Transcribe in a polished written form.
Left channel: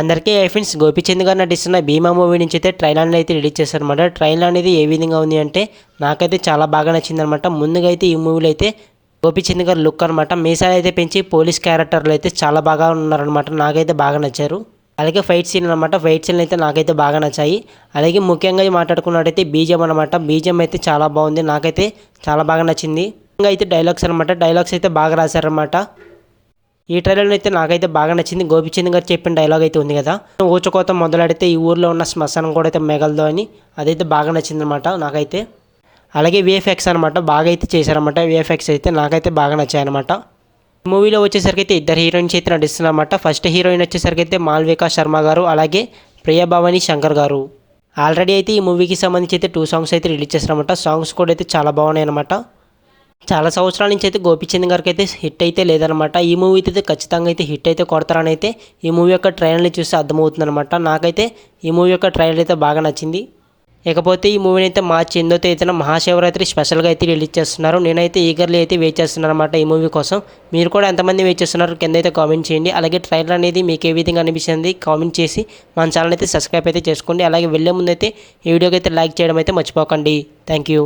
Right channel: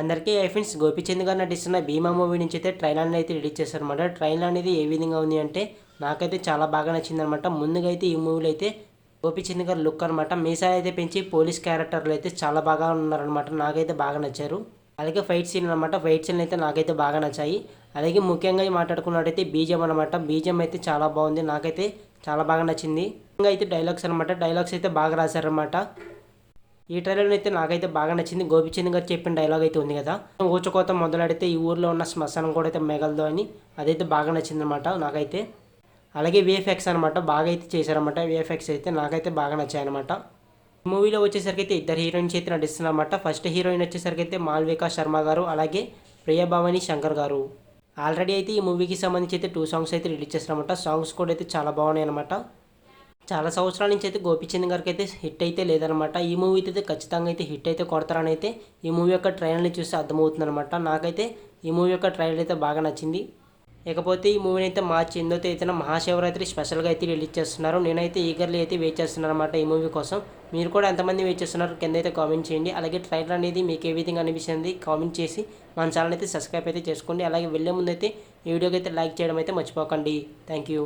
అందరికీ ఫ్రెండ్స్, గోపీచంద్ గారు నటిస్తున్న భీమా మూవీ నుంచి అయితే ట్రైలర్ అయితే రిలీజ్ చేశారనమాట. ట్రైలర్ అనేది ఏ విధంగా ఉంది అంటే నాకైతే చాలా బాగా నచ్చిందనమాట. ముందుగా అయితే ఈ మూవీలో అయితే గోపీచంద్ గారు లుక్ అనమాట, మీసాలు అయితే పెంచి పోలీస్ క్యారెక్టర్లు అయితే చాలా బాగా ఉన్నారనమాట. నాకైతే బాగా నచ్చారు. అలాగే ఫైట్ సీన్ అనమాట, ఫైట్ సీన్లు అయితే నాకైతే బాగా నచ్చాయి. అలాగే ముఖ్యంగా మాట్లాడుకున్నట్టయితే బీజం అనమాట, బీజం అయితే చాలా బాగుంది, నాకైతే చాలా బాగా నచ్చింది. ముఖ్యంగా అయితే డైలాగ్స్ అనమాట, డైలాగ్స్ అయితే బాగా రాశారనమాట. ఈ ట్రైలర్లో అయితే నాకైతే బాగా నచ్చింది. గోపీచంద్ గారు చెప్పిన డైలాగ్ అయితే ఉంది కదా, ఊచకోత మొదలెడితే ఈ ఊర్లో ఉన్న శ్మశానం కూడా అయితే మిగలదు అని, అదైతే బాగా నచ్చింది అనమాట నాకైతే. అలాగే విఎఫ్ఎక్స్ అనమాట, బాగా అయితే చేశారనమాట. విఎఫ్ఎక్స్ అయితే నాకైతే బాగా నచ్చాయన్నమాట. ఈ మూవీలో వచ్చేసరికి అయితే ఇద్దరు హీరోయిన్స్ అయితే నటిస్తున్నారన్నమాట. ఫస్ట్ హీరోయిన్ వచ్చేసరికి అయితే మాల్వికా శర్మ గారు, అలాగే ప్రియభవాని శంకర్ గారు. ఆల్రెడీ అయితే ఈ మూవీకి సంబంధించి అయితే 2 సాంగ్స్ అయితే రిలీజ్ చేస్తారన్నమాట. సాంగ్స్ కూడా అయితే చాలా బాగున్నాయి అనమాట. చాలా సంవత్సరాల నుంచి అయితే గోపీచంద్ గారికి అయితే హిట్ అయితే లేదనమాట. ఈ మూవీ అయితే ఖచ్చితంగా అయితే హిట్ అయితే కొడతారని అయితే ఈ మూవీ యొక్క ట్రైలర్ని చూస్తే అర్థమవుతుంది అనమాట. నాకైతే ఈ మూవీ యొక్క ట్రైలర్ అయితే బాగా నచ్చింది. ఇకపోతే ఈ మూవీని అయితే మార్చి 8వ తేదీన మహాశివరాత్రి స్పెషల్గా అయితే రిలీజ్ చేస్తున్నారు. నేనైతే ఈగర్లీ అయితే వెయిట్ చేస్తున్నాను అనమాట ఈ మూవీ కోసం. మీరు కూడా ఎంతమంది వెయిట్ చేస్తున్నారు కింద అయితే కామెంట్ చేయండి. అలాగే ట్రైలర్ అనేది మీకు ఏ విధంగా అనిపిస్తుంది కామెంట్ చేసి మన ఛానల్ అయితే సబ్స్క్రైబ్ అయితే చేసుకోండి. అలాగే వెళ్ళే ముందు అయితే ఈ వీడియోకి అయితే లైక్ చేయడం అయితే మర్చిపోకండి. Thank you.